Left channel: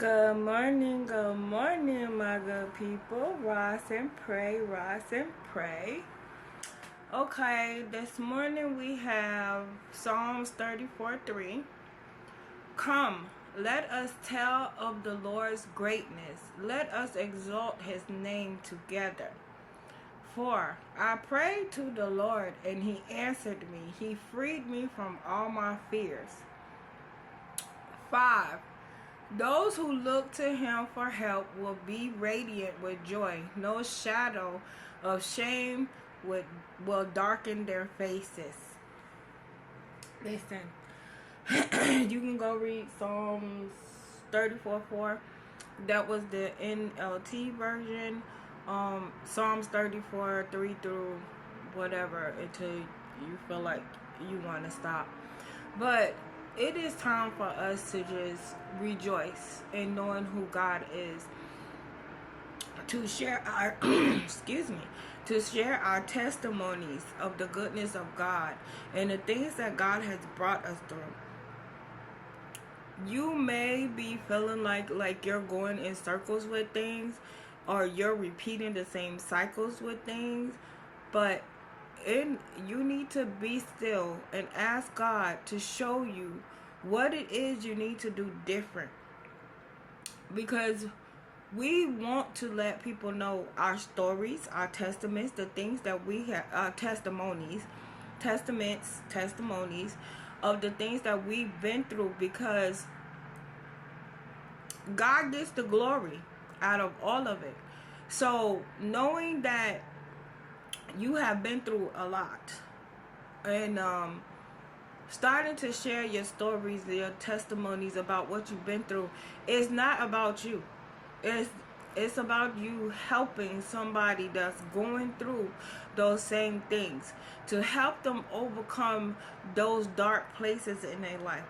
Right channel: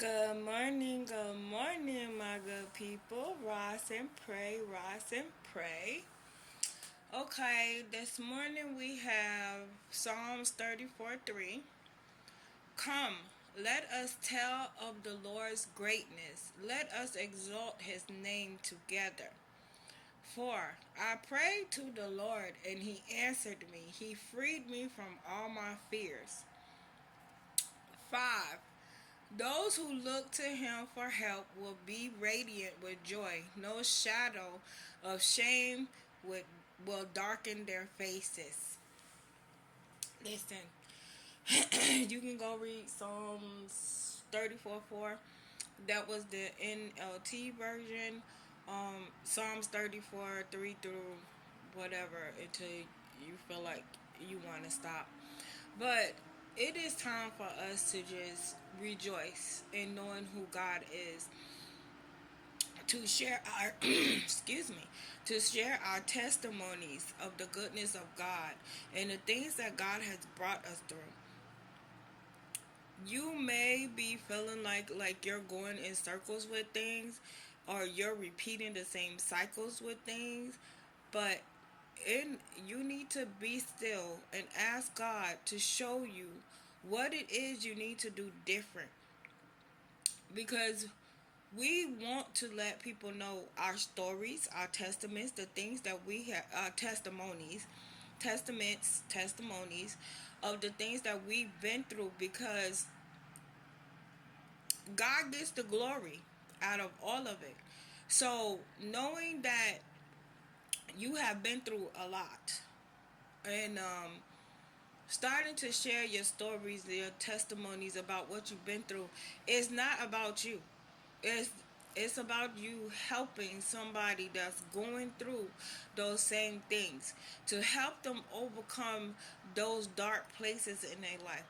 Good morning, my good people. Rise and pray, rise and pray. Okay, this morning we have Psalms 34:3. Come, let us tell of the Lord's greatness. Let us exalt his name together. 4. I prayed to the Lord, and he answered me. He freed me from all my fears. 5. Those who look to him for help will be radiant with joy. No shadow of shame will darken their faces. Listen, you can go read Psalms 34:4. That was the NLT version. Psalms 34:3 through whatever until you feel like you want to stop. But it is time for us to just rejoice in knowing who God is, to share our to share our testimonies of the goodness of God and the things that God has brought us through. You may be feeling like you're going in circles with things, or you're repeating the same cycles with things, but you need to be still and ask God to show you what it is you need to do different, because we want to let people know our stories, our testaments, the things that we have, testimonies of the things that we've been through, because God gets the glory out of all of it. So knowing that you have been through a lot, and starting to share your stories, your testimonies about what you've been through, is not about you. It's about you helping somebody that's going through those same things, to help them overcome those dark places in their life.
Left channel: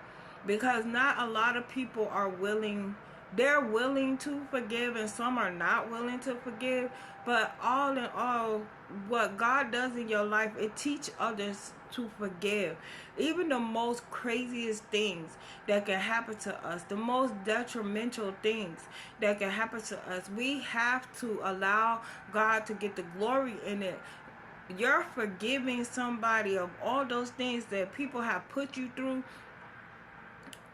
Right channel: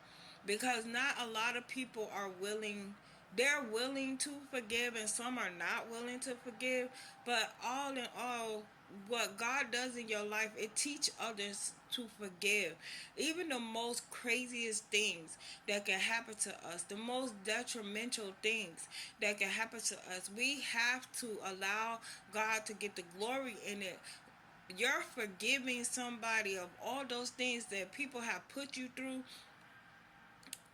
Because not a lot of people are willing. They're willing to forgive, and some are not willing to forgive. But all in all, what God does in your life, it teaches others to forgive. Even the most craziest things that can happen to us, the most detrimental things that can happen to us, we have to allow God to get the glory in it. You're forgiving somebody of all those things that people have put you through,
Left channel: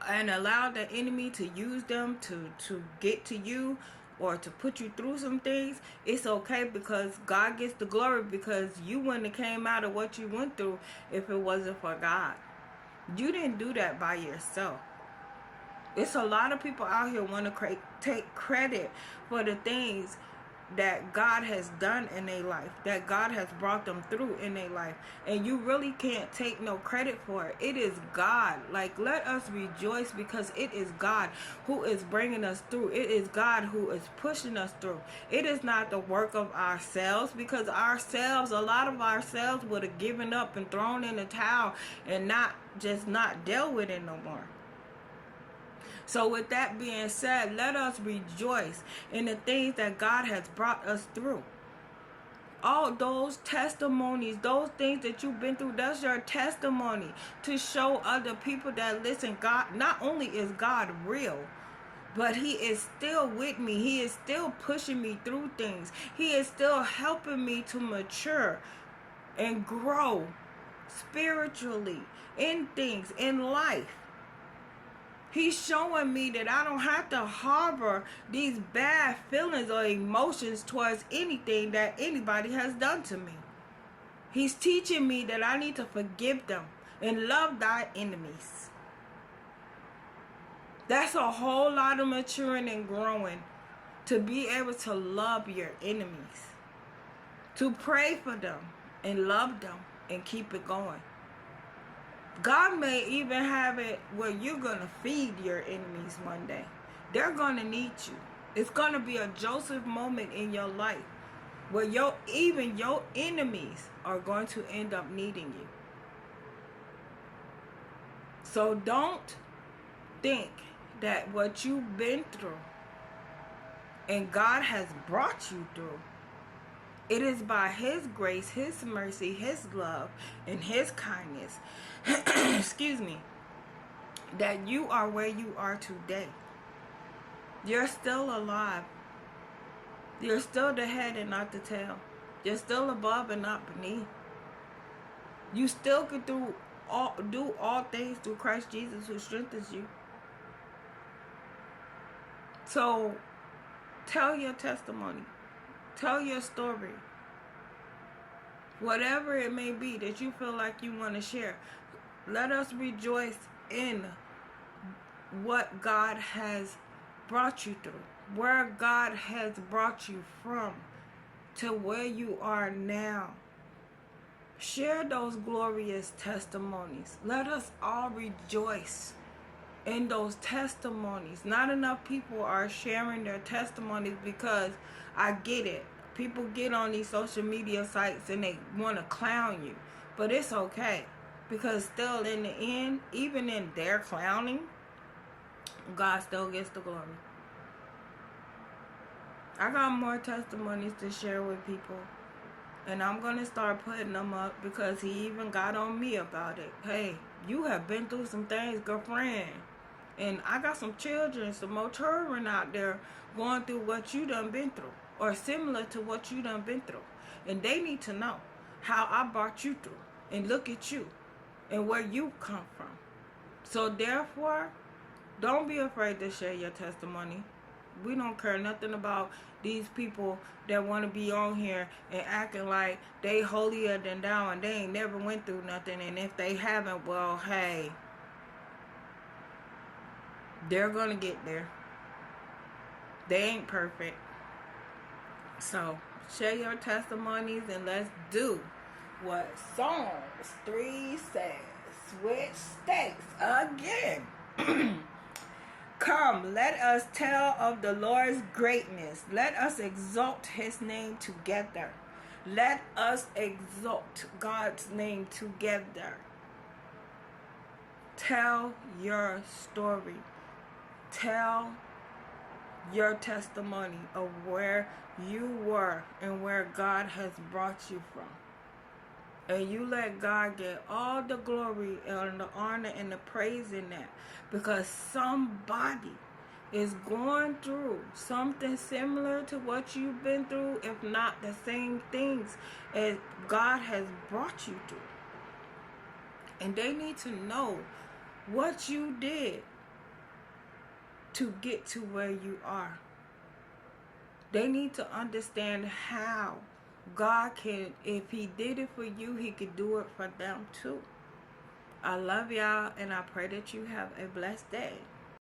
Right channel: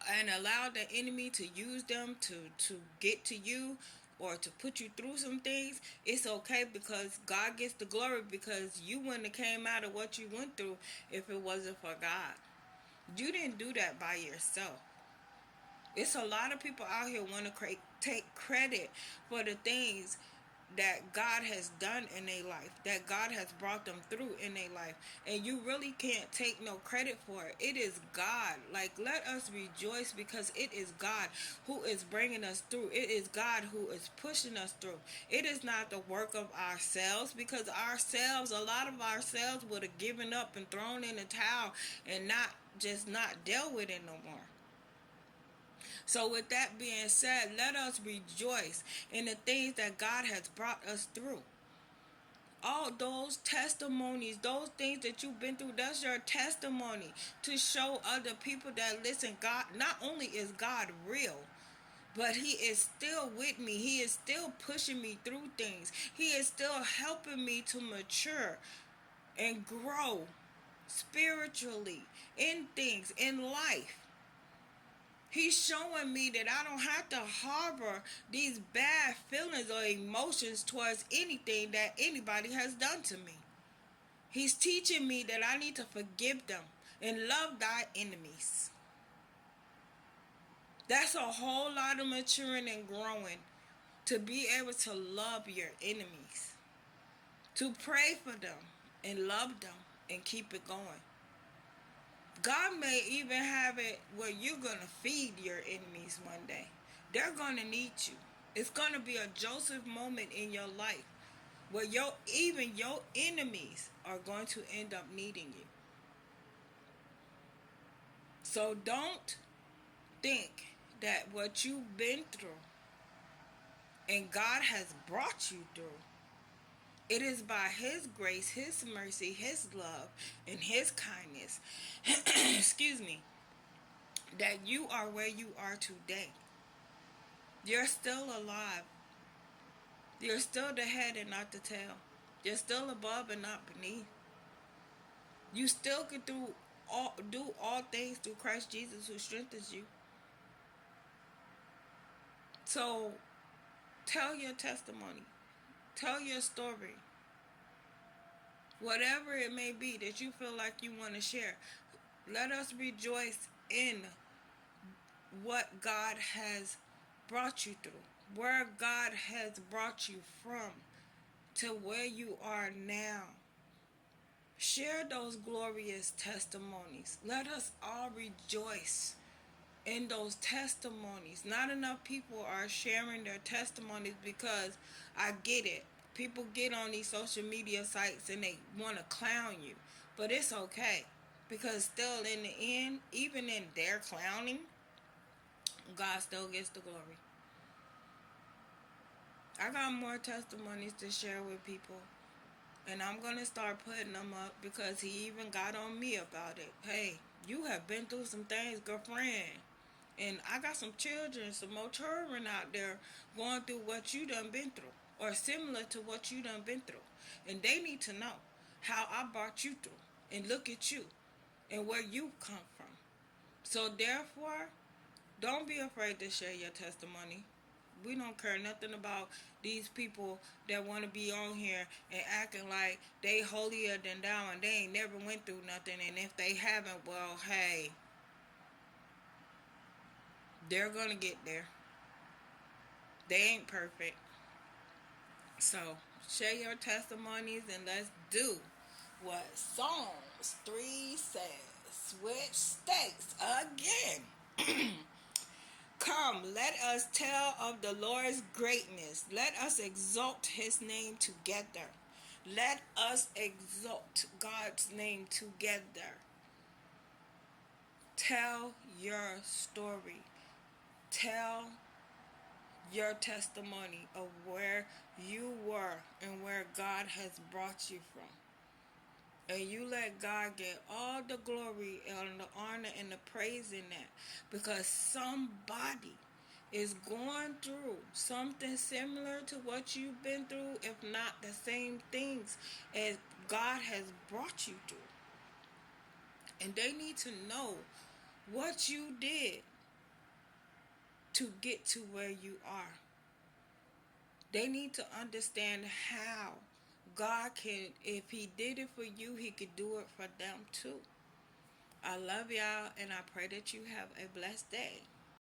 and allow the enemy to use them to get to you, or to put you through some things. It's okay, because God gets the glory, because you wouldn't have came out of what you went through if it wasn't for God. You didn't do that by yourself. It's a lot of people out here want to take credit for the things that God has done in their life, that God has brought them through in their life, and you really can't take no credit for it. It is God. Like, let us rejoice, because it is God who is bringing us through. It is God who is pushing us through. It is not the work of ourselves, because a lot of ourselves would have given up and thrown in the towel and not dealt with it no more. So with that being said, let us rejoice in the things that God has brought us through. All those testimonies, those things that you've been through, that's your testimony to show other people that, listen, God, not only is God real, but he is still with me. He is still pushing me through things. He is still helping me to mature and grow spiritually in things, in life. He's showing me that I don't have to harbor these bad feelings or emotions towards anything that anybody has done to me. He's teaching me that I need to forgive them and love thy enemies. That's a whole lot of maturing and growing, to be able to love your enemies, to pray for them and love them and keep it going. God may even have it where you're going to feed your enemies one day. They're going to need you. It's going to be a Joseph moment in your life where even your enemies are going to end up needing you. So don't think that what you've been through and God has brought you through, it is by his grace, his mercy, his love, and his kindness, excuse me, that you are where you are today. You're still alive. You're still the head and not the tail. You're still above and not beneath. You still can do all things through Christ Jesus who strengthens you. So tell your testimony. Tell your story. Whatever it may be that you feel like you want to share. Let us rejoice in what God has brought you through. Where God has brought you from to where you are now. Share those glorious testimonies. Let us all rejoice in those testimonies. Not enough people are sharing their testimonies because I get it. People get on these social media sites and they want to clown you. But it's okay. Because still in the end, even in their clowning, God still gets the glory. I got more testimonies to share with people. And I'm going to start putting them up because he even got on me about it. Hey, you have been through some things, girlfriend. And I got some children, some more children out there going through what you done been through. Or similar to what you done been through. And they need to know how I brought you through. And look at you. And where you come from. So therefore, don't be afraid to share your testimony. We don't care nothing about these people that want to be on here and acting like they holier than thou and they ain't never went through nothing. And if they haven't, well, hey, they're going to get there. They ain't perfect. So share your testimonies and let's do what Psalms 3 says, which states again. Come, let us tell of the Lord's greatness. Let us exalt his name together. Let us exalt God's name together. Tell your story. Tell your testimony of where you were and where God has brought you from. And you let God get all the glory and the honor and the praise in that. Because somebody is going through something similar to what you've been through, if not the same things as God has brought you through. And they need to know what you did to get to where you are. They need to understand how God can, if he did it for you, he could do it for them too. I love y'all and I pray that you have a blessed day.